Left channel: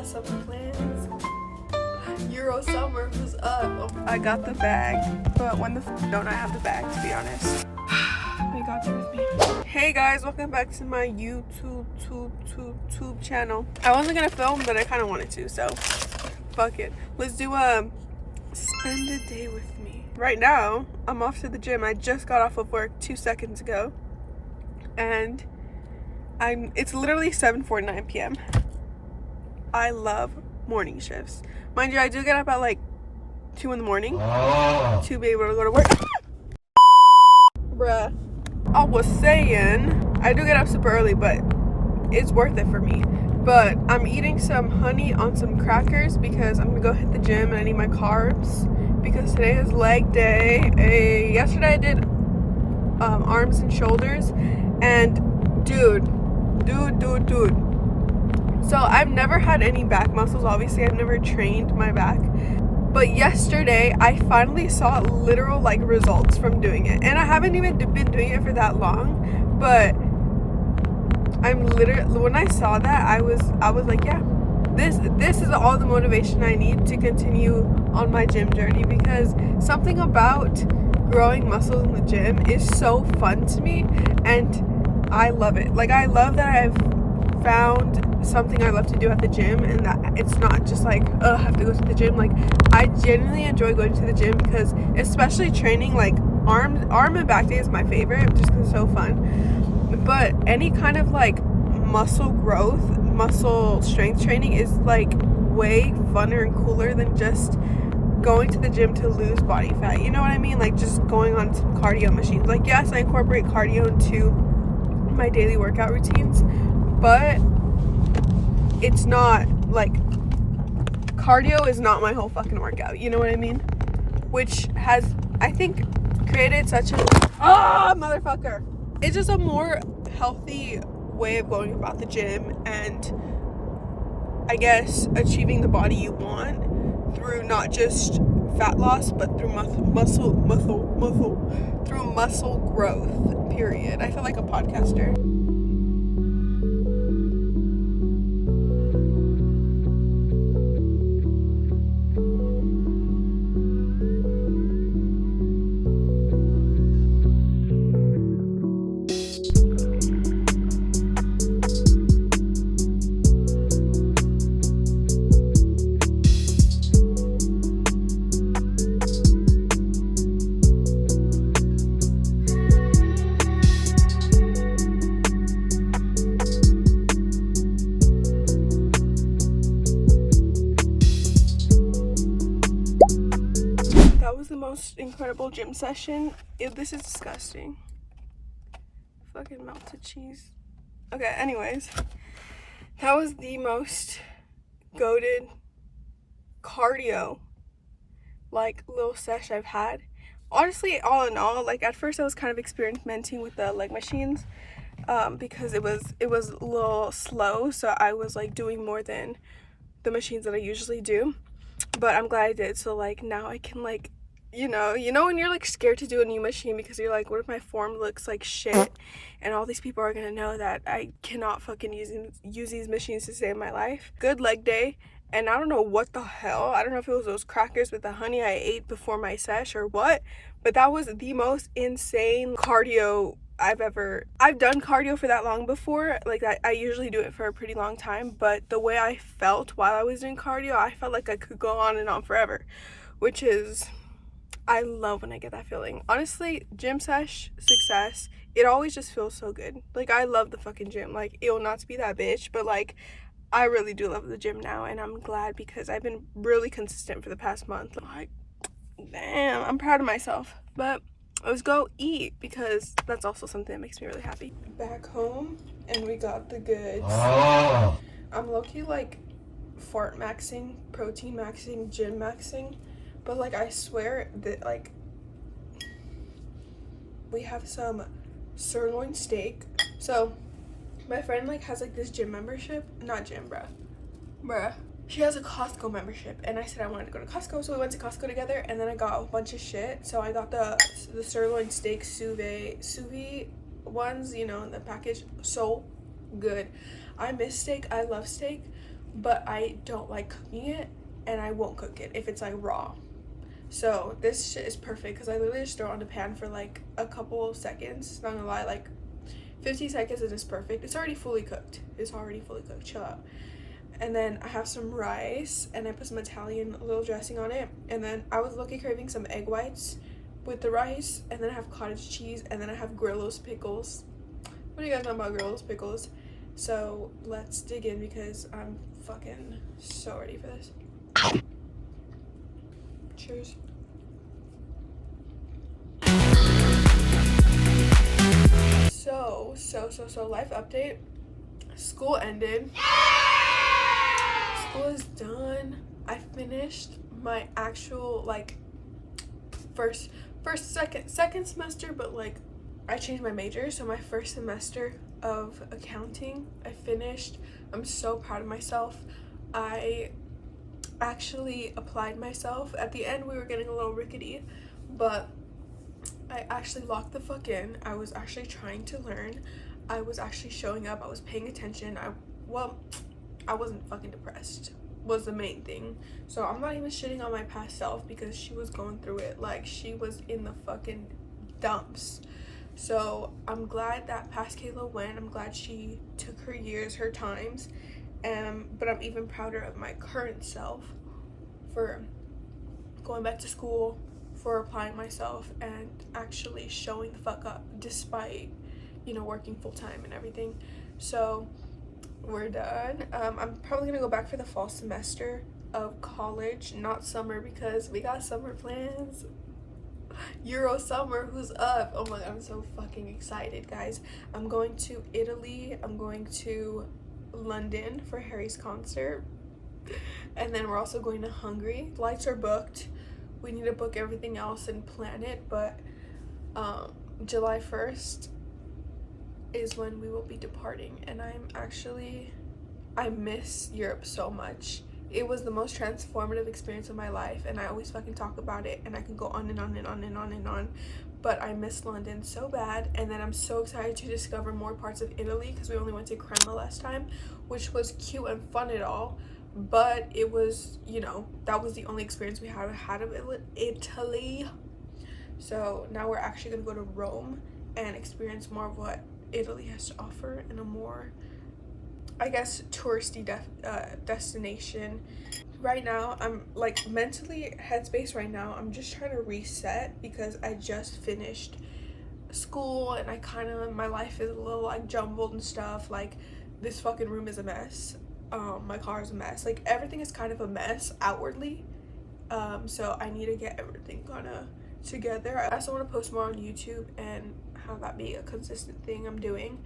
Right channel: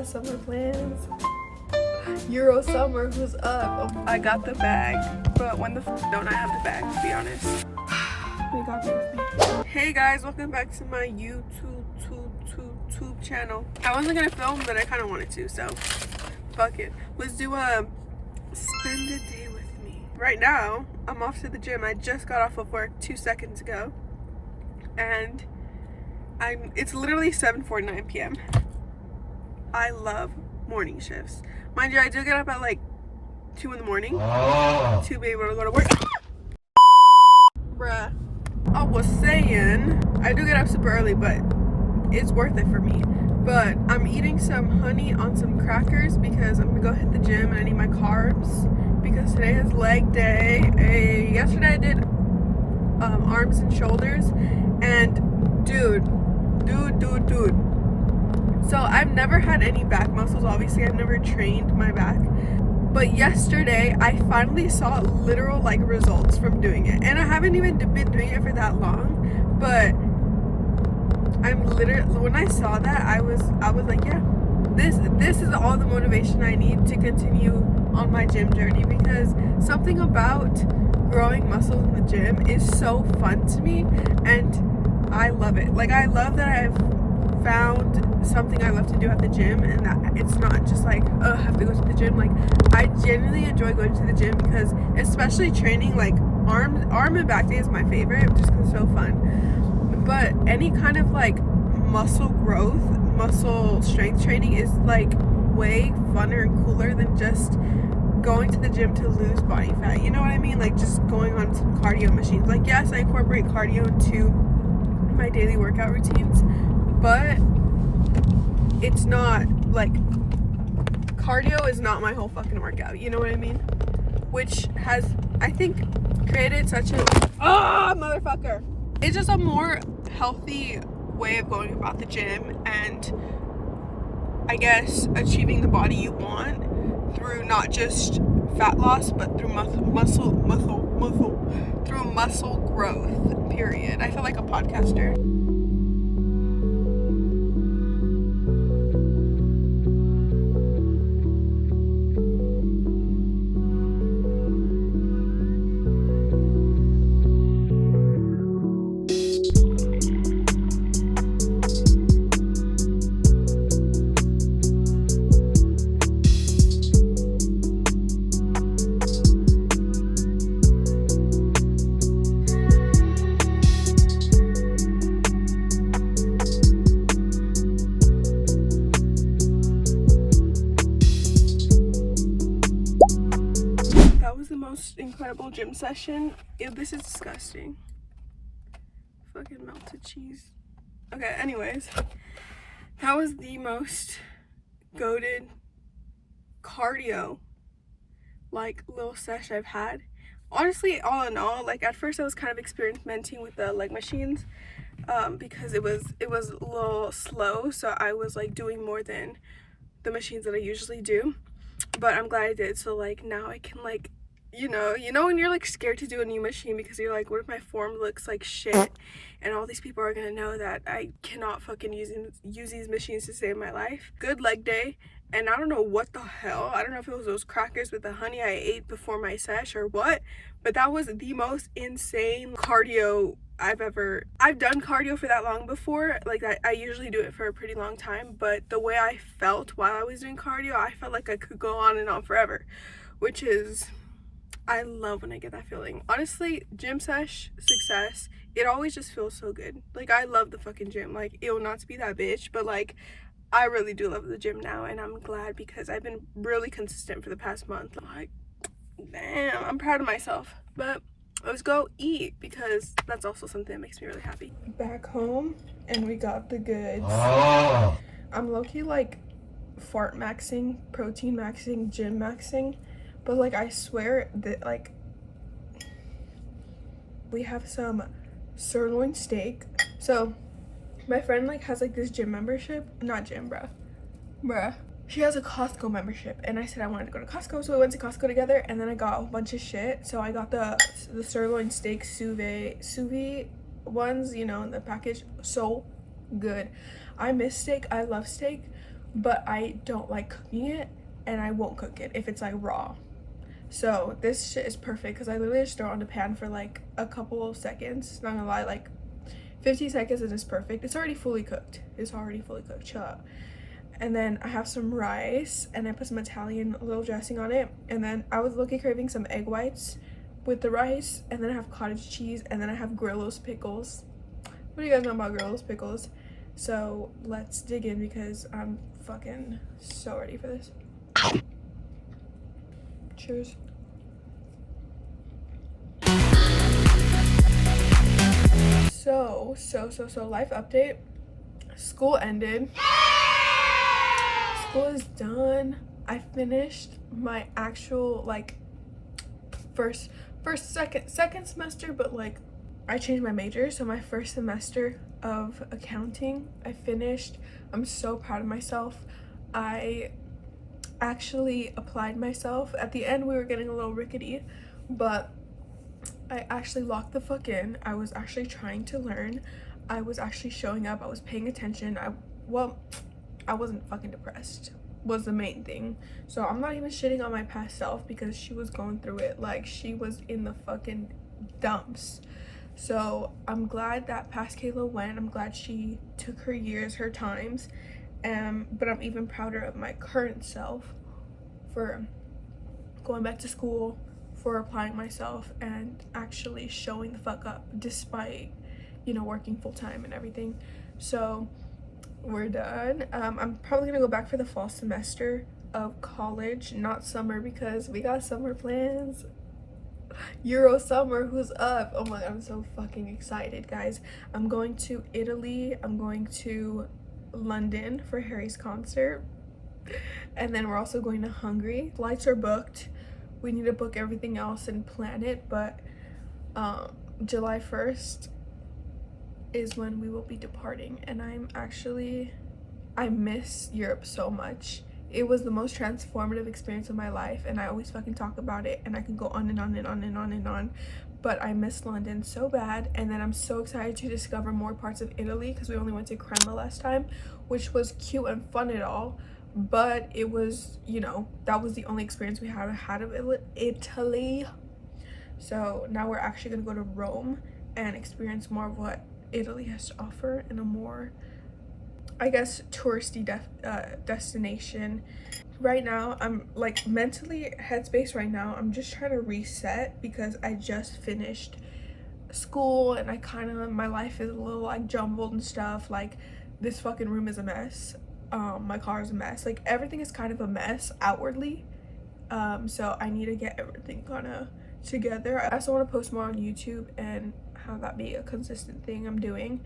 got summer plans. Euro summer was up. I got the bag, but when the don't I have the bag, to be honest. They got there with me. Hey guys, welcome back to my YouTube channel. I wasn't gonna film, but I kind of wanted to, so fuck it. Let's do spend a day with me. Right now, I'm off to the gym. I just got off of work 2 seconds ago, and it's literally 7:49 p.m. I love morning shifts. Mind you, I do get up at like 2 in the morning to be able to go to work. Bruh. I was saying, I do get up super early, but it's worth it for me. But I'm eating some honey on some crackers because I'm gonna go hit the gym and I need my carbs because today is leg day. Yesterday I did arms and shoulders, and dude. So I've never had any back muscles, obviously. I've never trained my back. But yesterday, I finally saw literal, like, results from doing it. And I haven't even been doing it for that long. But I'm literally, when I saw that, I was like, yeah, this is all the motivation I need to continue on my gym journey. Because something about growing muscles in the gym is so fun to me. And I love it. Like, I love that I've found something I love to do at the gym, and that it's not just like, oh, I have to go to the gym. Like, I genuinely enjoy going to the gym because, especially training, like arm and back day is my favorite just because it's so fun. But any kind of like muscle growth, muscle strength training is like way funner and cooler than just going to the gym to lose body fat. You know what I mean? Like, just going on some cardio machines. Like, yes, I incorporate cardio into my daily workout routines, but it's not like, cardio is not my whole fucking workout, you know what I mean? Which has, I think, created such a motherfucker. It's just a more healthy way of going about the gym, and I guess achieving the body you want through not just fat loss, but through muscle growth, period. I feel like a podcaster. Most incredible gym session. This is disgusting. Fucking melted cheese. Okay, anyways, that was the most goated cardio like little sesh I've had. Honestly, all in all, like, at first I was kind of experimenting with the leg machines because it was a little slow, so I was like doing more than the machines that I usually do, but I'm glad I did. So like now I can, like, you know when you're like scared to do a new machine because you're like, what if my form looks like shit and all these people are gonna know that I cannot fucking use these machines to save my life. Good leg day, and I don't know what the hell, I don't know if it was those crackers with the honey I ate before my sesh or what, but that was the most insane cardio I've done cardio for that long before. Like, I usually do it for a pretty long time, but the way I felt while I was doing cardio, I felt like I could go on and on forever, which is, I love when I get that feeling. Honestly, gym sesh success, it always just feels so good. Like, I love the fucking gym. Like, not to be that bitch, but like, I really do love the gym now, and I'm glad because I've been really consistent for the past month. Like, damn, I'm proud of myself. But let's go eat because that's also something that makes me really happy. Back home, and we got the goods. I'm low-key like fart maxing, protein maxing, gym maxing. But like, I swear that like, we have some sirloin steak. So my friend like has like this gym membership, not gym, bruh. She has a Costco membership, and I said I wanted to go to Costco, so we went to Costco together, and then I got a bunch of shit. So I got the sirloin steak sous vide ones, you know, in the package. So good. I miss steak. I love steak, but I don't like cooking it, and I won't cook it if it's like raw. So this shit is perfect because I literally just throw it on the pan for like a couple of seconds. Not gonna lie, like 50 seconds and it's perfect. It's already fully cooked. Chill out. And then I have some rice and I put some Italian little dressing on it. And then I was looking craving some egg whites with the rice. And then I have cottage cheese, and then I have Grillo's pickles. What do you guys know about Grillo's pickles? So let's dig in because I'm fucking so ready for this. Cheers. So life update. School ended. School is done. I finished my actual like second semester, but like I changed my major, so my first semester of accounting I finished. I'm so proud of myself. I actually applied myself. At the end we were getting a little rickety, but I actually locked the fuck in. I was actually trying to learn. I was actually showing up. I was paying attention. I wasn't fucking depressed was the main thing. So I'm not even shitting on my past self because she was going through it. Like, she was in the fucking dumps. So I'm glad that past Kayla went. I'm glad she took her years, her times. But I'm even prouder of my current self for going back to school, for applying myself, and actually showing the fuck up despite, you know, working full-time and everything. So we're done. I'm probably gonna go back for the fall semester of college, not summer, because we got summer plans. Euro summer, who's up? Oh my god, I'm so fucking excited, guys. I'm going to Italy. I'm going to London for Harry's concert, and then we're also going to Hungary. Flights are booked. We need to book everything else and plan it, but July 1st is when we will be departing, and I miss Europe so much. It was the most transformative experience of my life, and I always fucking talk about it, and I can go on and on and on and on and on, but I miss London so bad. And then I'm so excited to discover more parts of Italy because we only went to Crema last time, which was cute and fun and all, but it was, you know, that was the only experience we had of Italy. So now we're actually gonna go to Rome and experience more of what Italy has to offer in a more, I guess, touristy destination. Right now I'm like mentally headspace right now, I'm just trying to reset because I just finished school and I kind of, my life is a little like jumbled and stuff. Like, this fucking room is a mess, my car is a mess, like everything is kind of a mess outwardly. So I need to get everything kind of together. I also want to post more on YouTube and have that be a consistent thing I'm doing.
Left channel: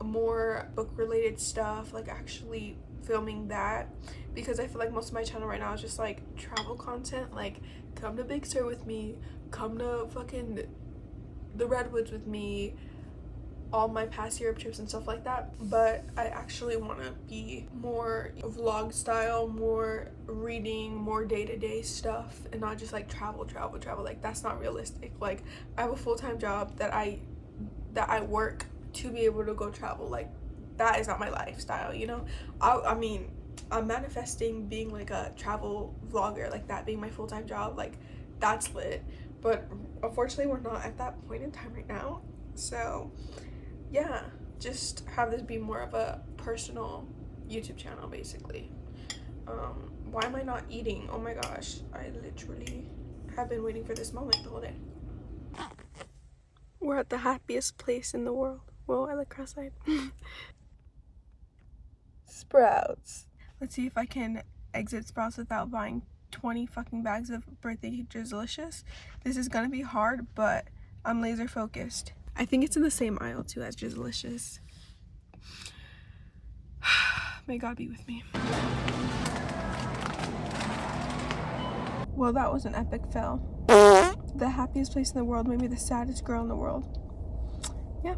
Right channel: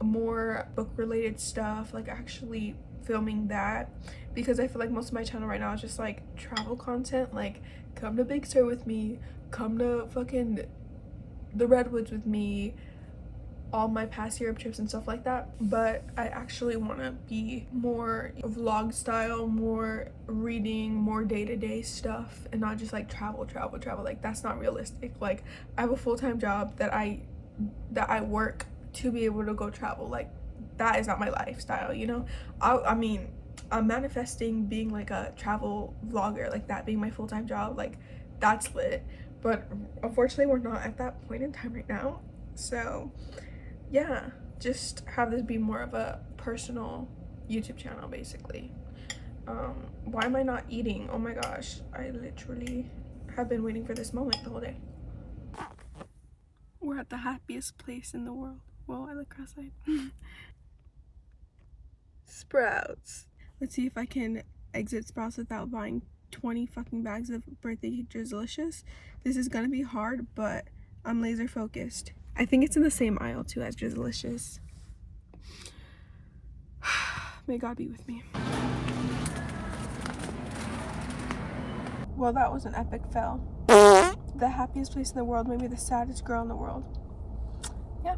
More book related stuff, like actually filming that, because I feel like most of my channel right now is just like travel content, like come to Big Sur with me, come to fucking the Redwoods with me, all my past Europe trips and stuff like that. But I actually want to be more vlog style, more reading, more day-to-day stuff, and not just like travel. Like, that's not realistic. Like, I have a full-time job that I work to be able to go travel. Like, that is not my lifestyle, you know. I mean, I'm manifesting being like a travel vlogger, like that being my full-time job. Like, that's lit, but unfortunately we're not at that point in time right now. So yeah, just have this be more of a personal YouTube channel basically. Why am I not eating? Oh my gosh, I literally have been waiting for this moment the whole day. We're at the happiest place in the world. Whoa, I look cross-eyed. Sprouts. Let's see if I can exit Sprouts without buying 20 fucking bags of birthday Drizzlicious. This is gonna be hard, but I'm laser focused. I think it's in the same aisle too as Drizzlicious. May God be with me. Well, that was an epic fail. The happiest place in the world, maybe the saddest girl in the world. Yeah.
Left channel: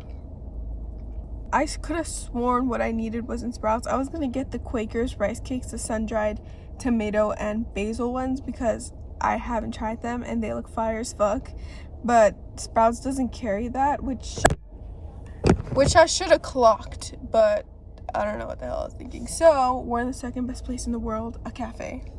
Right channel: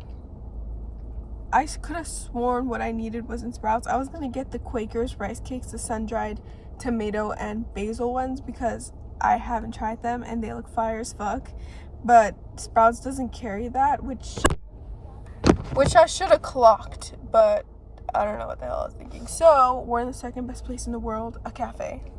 I could have sworn what I needed was in Sprouts. I was gonna get the Quaker's rice cakes, the sun-dried tomato and basil ones, because I haven't tried them and they look fire as fuck. But Sprouts doesn't carry that, which I should have clocked, but I don't know what the hell I was thinking. So we're in the second best place in the world, a cafe.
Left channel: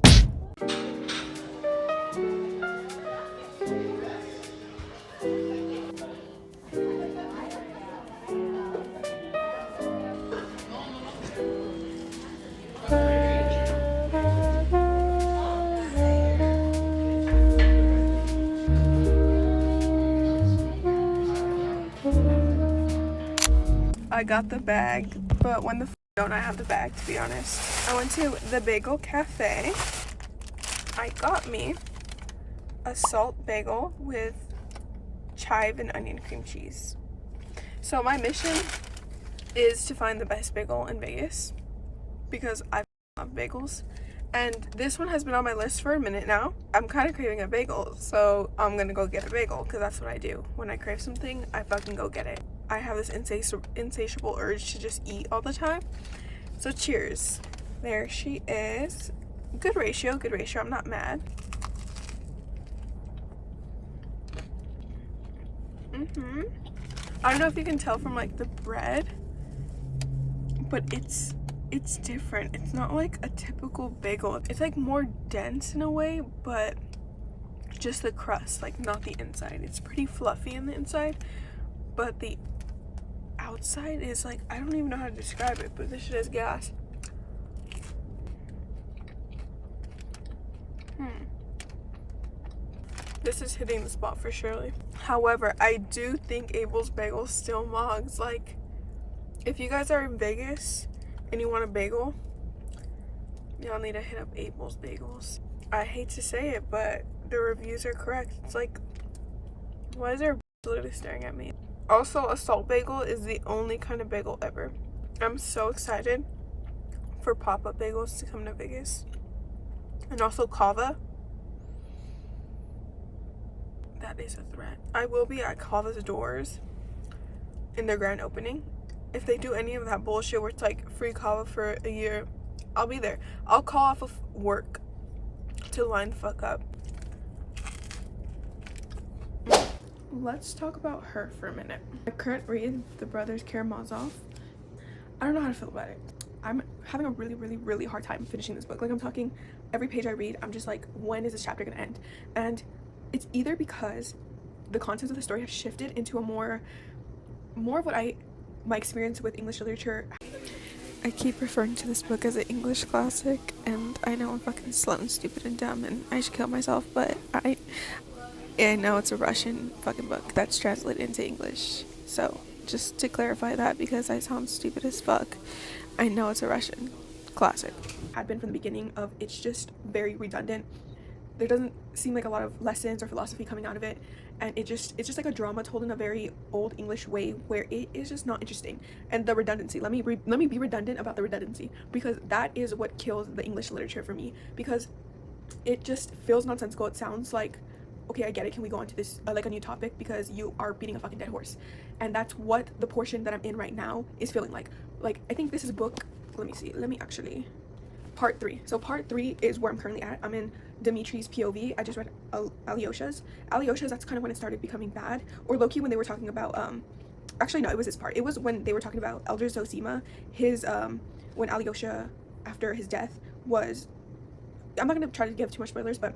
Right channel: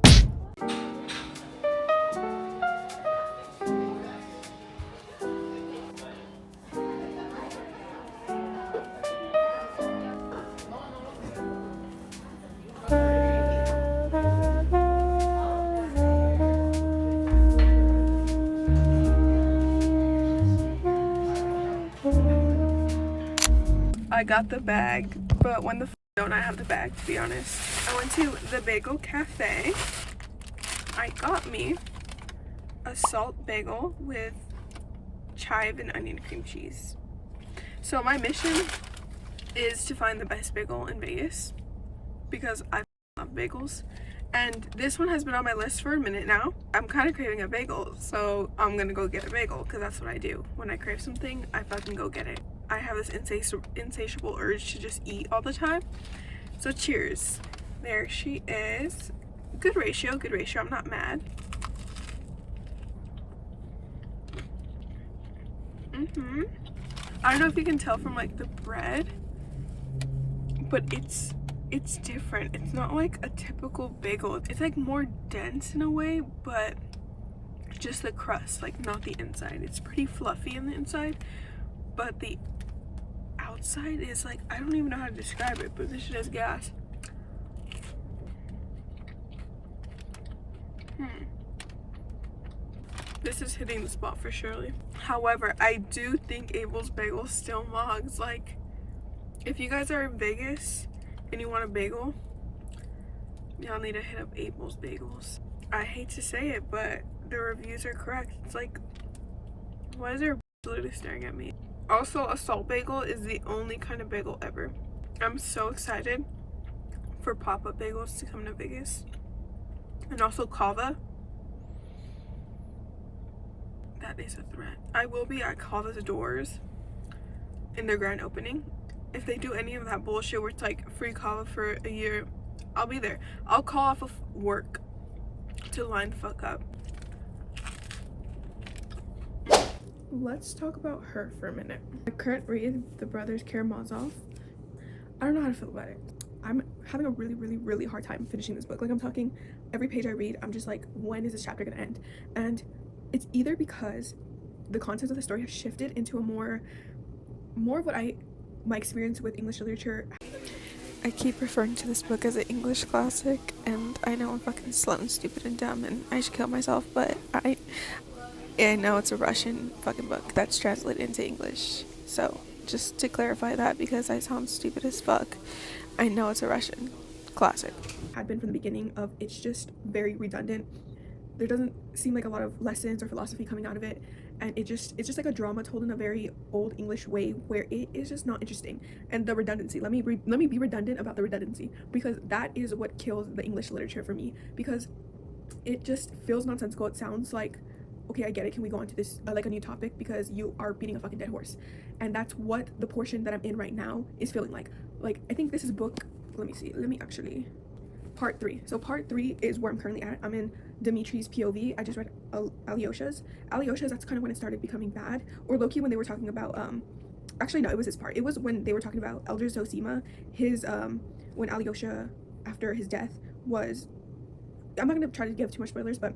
I got the bag, but when the don't I have the bag, to be honest. I went to the bagel cafe. I got me a salt bagel with chive and onion cream cheese. So my mission is to find the best bagel in Vegas because I love bagels. And this one has been on my list for a minute now. I'm kind of craving a bagel, so I'm gonna go get a bagel because that's what I do. When I crave something, I fucking go get it. I have this insatiable urge to just eat all the time. So cheers. There she is. Good ratio, good ratio. I'm not mad. I don't know if you can tell from like the bread, but it's different. It's not like a typical bagel. It's like more dense in a way, but just the crust, like not the inside. It's pretty fluffy on the inside, but the outside is like, I don't even know how to describe it, but this shit is gas. This is hitting the spot for surely. However, I do think Abel's Bagel still mogs. Like, if you guys are in Vegas and you want a bagel, y'all need to hit up Abel's Bagels. I hate to say it, but the reviews are correct. It's like, why is there literally staring at me? Also, a salt bagel is the only kind of bagel ever. I'm so excited for pop-up bagels to come to Vegas. And also kava. That is a threat. I will be at Kava's doors in their grand opening. If they do any of that bullshit where it's like free kava for a year, I'll be there. I'll call off of work to line the fuck up. Let's talk about her for a minute. My current read, The Brothers Karamazov. I don't know how to feel about it. I'm having a really hard time finishing this book. Like, I'm talking every page I read, I'm just like, when is this chapter gonna end? And it's either because the contents of the story have shifted into a more of what my experience with English literature. I keep referring to this book as an English classic, and I know I'm fucking slow and stupid and dumb and I should kill myself, but I know it's a Russian fucking book that's translated into English. So just to clarify that, because I sound stupid as fuck, I know it's a Russian classic. Had been from the beginning of, it's just very redundant. There doesn't seem like a lot of lessons or philosophy coming out of it, and it's just like a drama told in a very old English way where it is just not interesting. And the redundancy, let me be redundant about the redundancy, because that is what kills the English literature for me, because it just feels nonsensical. It sounds like, okay, I get it, can we go on to this like a new topic, because you are beating a fucking dead horse. And that's what the portion that I'm in right now is feeling like. Like, I think this is book, let me actually, part 3. So part 3 is where I'm currently at. I'm in Dimitri's POV. I just read Alyosha's, that's kind of when it started becoming bad, or low-key when they were talking about actually no, it was this part. It was when they were talking about Elder Zosima, his when Alyosha, after his death, was, I'm not gonna try to give too much spoilers, but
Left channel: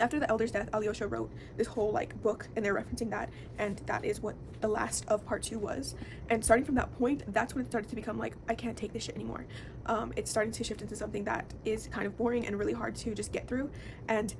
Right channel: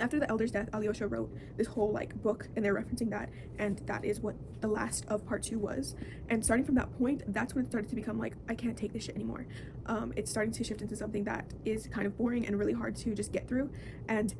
after the elder's death, Alyosha wrote this whole like book, and they're referencing that, and that is what the last of part 2 was. And starting from that point, that's when it started to become like, I can't take this shit anymore. It's starting to shift into something that is kind of boring and really hard to just get through. And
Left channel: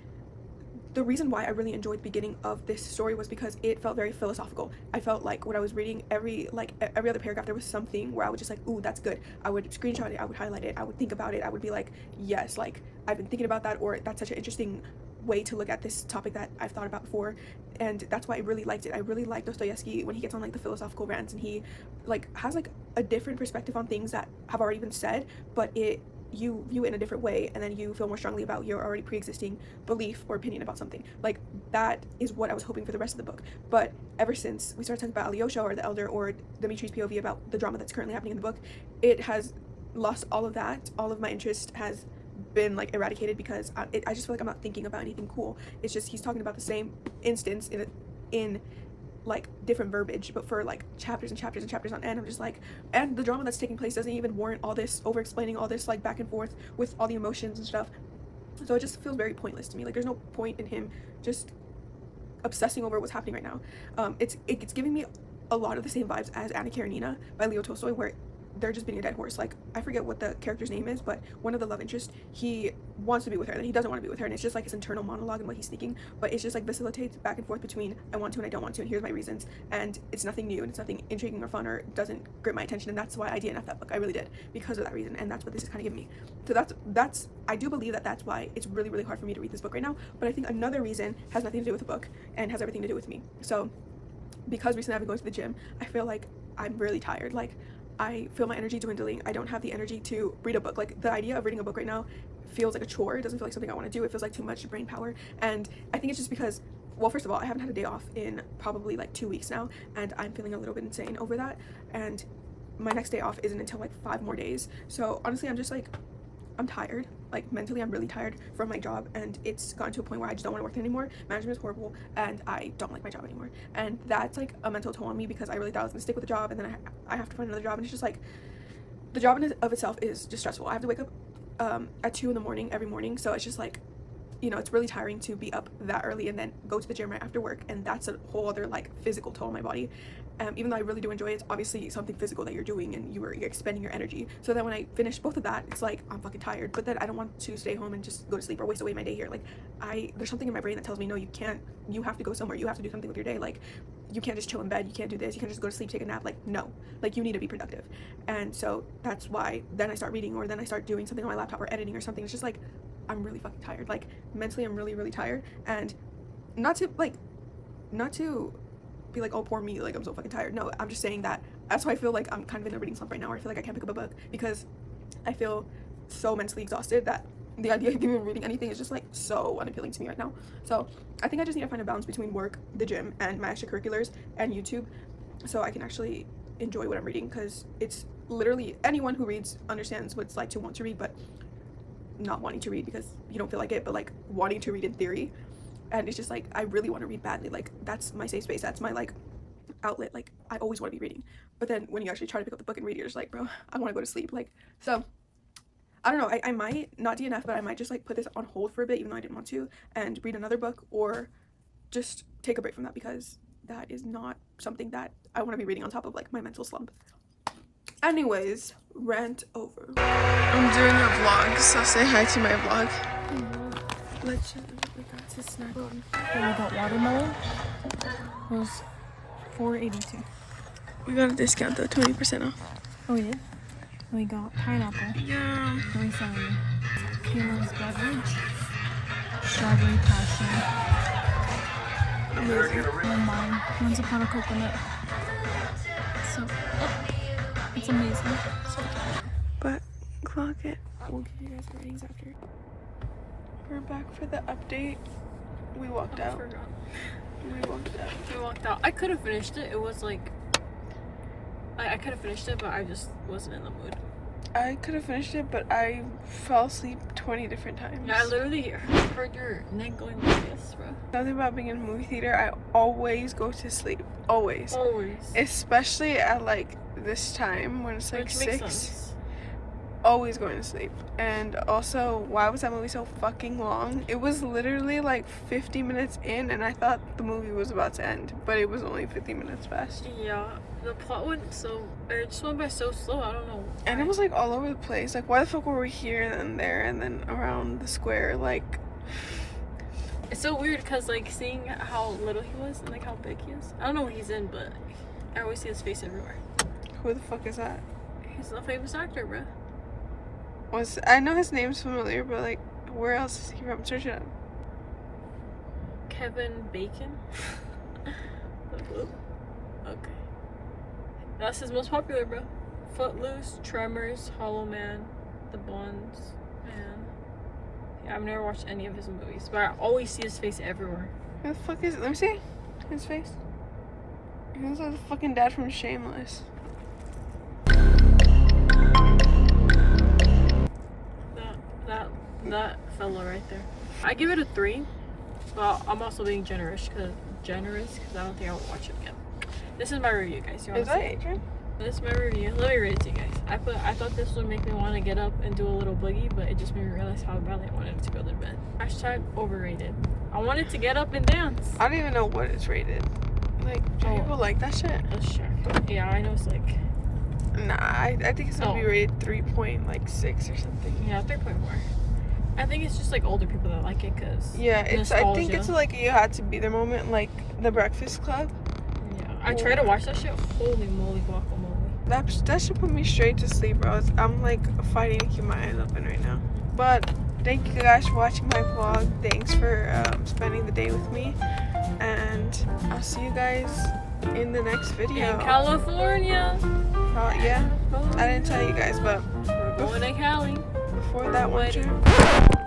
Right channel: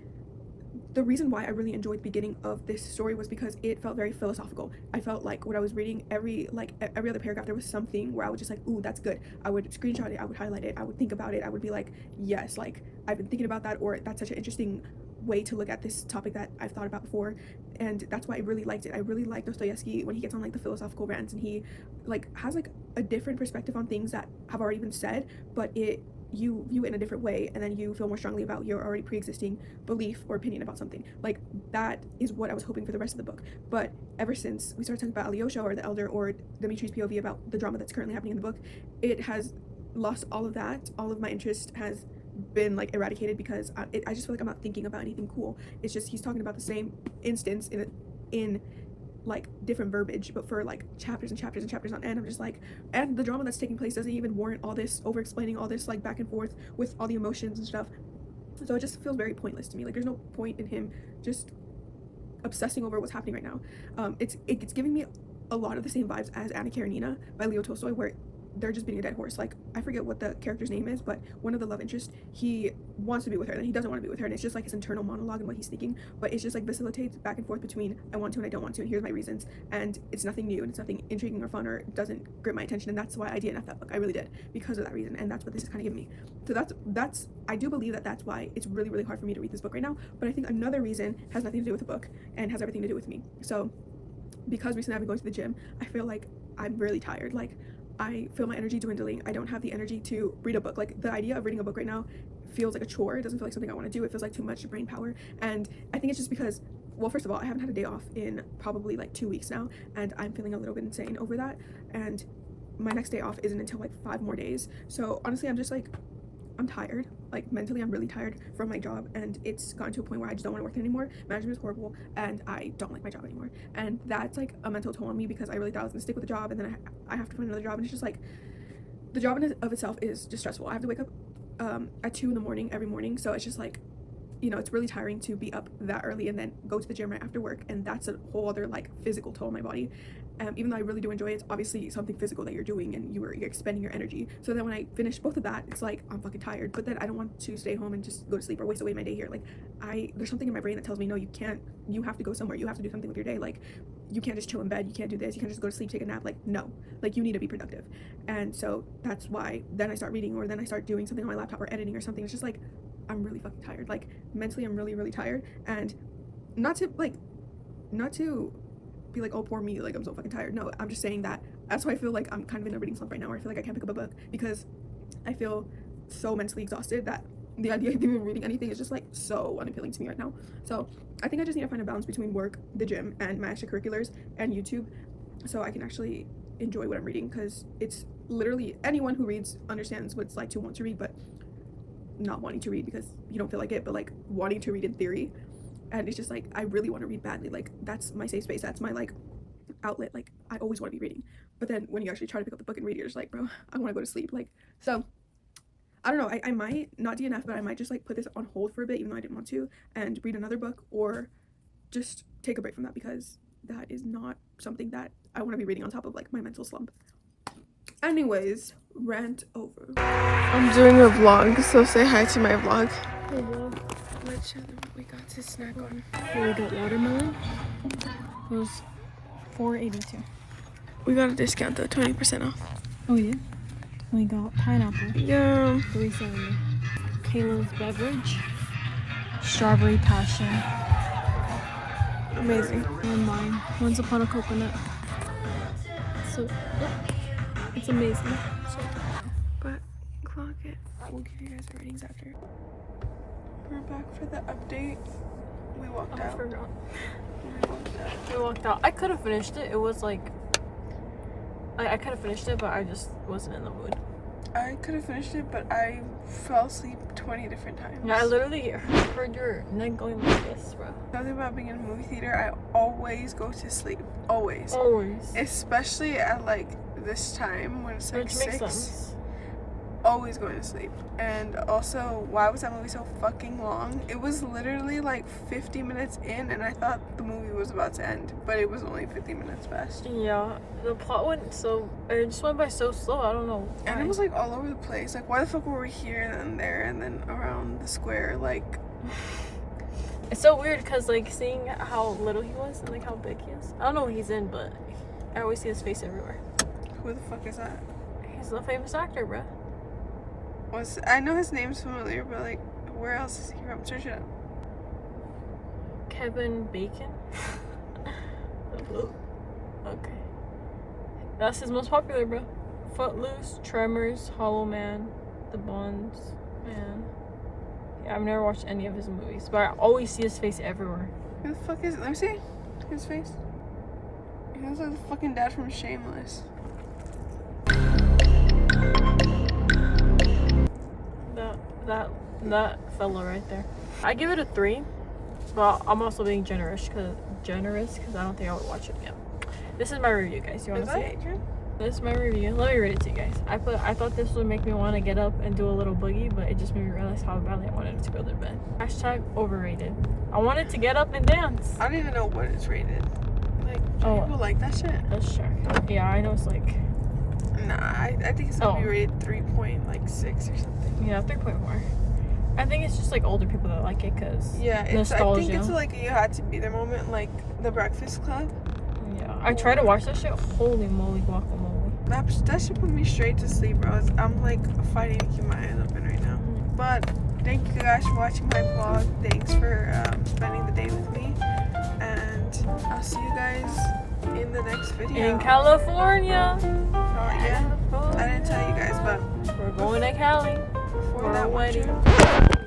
the reason why I really enjoyed the beginning of this story was because it felt very philosophical. I felt like when I was reading every other paragraph, there was something where I was just like, ooh, that's good. I would screenshot it, I would highlight it, I would think about it, I would be like, yes, like I've been thinking about that, or that's such an interesting way to look at this topic that I've thought about before. And that's why I really liked it. I really like Dostoevsky when he gets on like the philosophical rants, and he like has like a different perspective on things that have already been said, but you view it in a different way, and then you feel more strongly about your already pre-existing belief or opinion about something. Like, that is what I was hoping for the rest of the book. But ever since we started talking about Alyosha or the Elder or Dimitri's POV about the drama that's currently happening in the book, it has lost all of that. All of my interest has been like eradicated, because I just feel like I'm not thinking about anything cool. It's just he's talking about the same instance in like different verbiage, but for like chapters and chapters and chapters on end. I'm just like, and the drama that's taking place doesn't even warrant all this over explaining all this like back and forth with all the emotions and stuff. So it just feels very pointless to me. Like there's no point in him just obsessing over what's happening right now. It's giving me a lot of the same vibes as Anna Karenina by Leo Tolstoy, where they're just being a dead horse. Like I forget what the character's name is, but one of the love interests, he wants to be with her, then he doesn't want to be with her, and it's just like his internal monologue and what he's thinking, but it's just like vacillates back and forth between I want to and I don't want to, and here's my reasons, and it's nothing new and it's nothing intriguing or fun or doesn't grip my attention. And that's why I DNF that book. I really did, because of that reason, and that's what this is kind of giving me. So that's I do believe that that's why it's really, really hard for me to read this book right now. But I think another reason has nothing to do with the book and has everything to do with me. So because recently I've been going to the gym, I feel like I'm really tired. Like I feel my energy dwindling. I don't have the energy to read a book. Like the idea of reading a book right now feels like a chore. It doesn't feel like something I want to do. It feels like too much brain power. And I think it's just because, well, first of all, I haven't had a day off in probably like 2 weeks now, and I'm feeling a little bit insane over that. And my next day off isn't until like 5 more days. So honestly, I'm just like, I'm tired. Like mentally, I'm really tired from my job, and it's gotten to a point where I just don't want to work there anymore. Management is horrible, and I don't like my job anymore. And that's like a mental toll on me, because I really thought I was gonna stick with the job, and then I have to find another job, and it's just like the job in of itself is just stressful. I have to wake up at 2 in the morning every morning, so it's just like, you know, it's really tiring to be up that early and then go to the gym right after work, and that's a whole other like physical toll on my body. Even though I really do enjoy it, it's obviously something physical that you're doing, and you're expending your energy. So then when I finish both of that, it's like I'm fucking tired, but then I don't want to stay home and just go to sleep or waste away my day here. Like there's something in my brain that tells me, no, you can't, you have to go somewhere, you have to do something with your day. Like you can't just chill in bed, you can't do this, you can't just go to sleep, take a nap. Like no, like you need to be productive. And so that's why then I start reading, or then I start doing something on my laptop or editing or something. It's just like I'm really fucking tired. Like mentally I'm really, really tired. And not to be like, oh poor me, like I'm so fucking tired. No, I'm just saying that that's why I feel like I'm kind of in a reading slump right now, where I feel like I can't pick up a book because I feel so mentally exhausted that the idea of even reading anything is just like so unappealing to me right now. So I think I just need to find a balance between work, the gym, and my extracurriculars and YouTube, so I can actually enjoy what I'm reading, because it's literally, anyone who reads understands what it's like to want to read but not wanting to read because you don't feel like it, but like wanting to read in theory. And it's just like I really want to read badly. Like that's my safe space, that's my like outlet. Like I always want to be reading, but then when you actually try to pick up the book and read it, you're just like, bro, I want to go to sleep. Like, so I don't know, I might not DNF, but I might just like put this on hold for a bit, even though I didn't want to, and read another book, or just take a break from that, because that is not something that I want to be reading on top of like my mental slump. Anyways, rant over. I'm doing a vlog, so say hi to my vlog. Let's show them what we got to snack on. So we got watermelon. It was $4.82. We got a discount at 20% off. Oh yeah. We got pineapple. Yeah. $3.70. Kayla's beverage. Strawberry passion. Amazing. And then mine. Once upon a coconut. So, it's amazing. So, but clock it. We'll give you guys the ratings after. We're back for the update. We walked out. We walked out. I could have finished it. It was like I could have finished it, but I just wasn't in the mood. I could have finished it, but I fell asleep 20 different times. Yeah, I literally heard your neck going like this, bro. Something about being in a movie theater, I always go to sleep. Always. Especially at like this time when it's like Which 6. makes sense. Always going to sleep. And also, why was that movie so fucking long? It was literally like 50 minutes in, and I thought the movie was about to end, but it was only 50 minutes past. Yeah, the plot went so, it just went by so slow. I don't know why. And it was like all over the place. Like, why the fuck were we here and then there and then around the square? Like, it's so weird because like seeing how little he was and like how big he is. I don't know what he's in, but I always see his face everywhere. who the fuck is that? He's a famous actor, bro. I know his name's familiar, but like, where else is he from? Search it up. Kevin Bacon. Okay, that's his most popular, bro. Footloose, Tremors, Hollow Man, The Bonds, man. Yeah, I've never watched any of his movies, but I always see his face everywhere. Who the fuck is it? Let me see his face. He looks like the fucking dad from Shameless. That fella right there. I give it a 3, but I'm also being generous because I don't think I would watch it again. This is my review, guys. You want Is to see that it? Adrian? This is my review. Let me read it to you guys. I thought this would make me want to get up and do a little boogie, but it just made me realize how badly I wanted to go to bed. Hashtag overrated. I wanted to get up and dance. I don't even know what it's rated. Like, do Oh. people like that shit? Let's check. Yeah, I know it's like, Nah, I think it's gonna be Oh. rated 3.6 or something. yeah, 3.4. I think it's just like older people that like it because Yeah, it's. I think it's nostalgia. like you had to be there moment, like The Breakfast Club. yeah. I tried to watch that shit. Holy moly, guacamole. That should put me straight to sleep, bro. I'm like fighting to keep my eyes open right now. But thank you guys for watching my vlog. Thanks for spending the day with me, and I'll see you guys in the next video. In California. Yeah, I didn't tell you guys, but We're going to Cali. before For that a one wedding. time.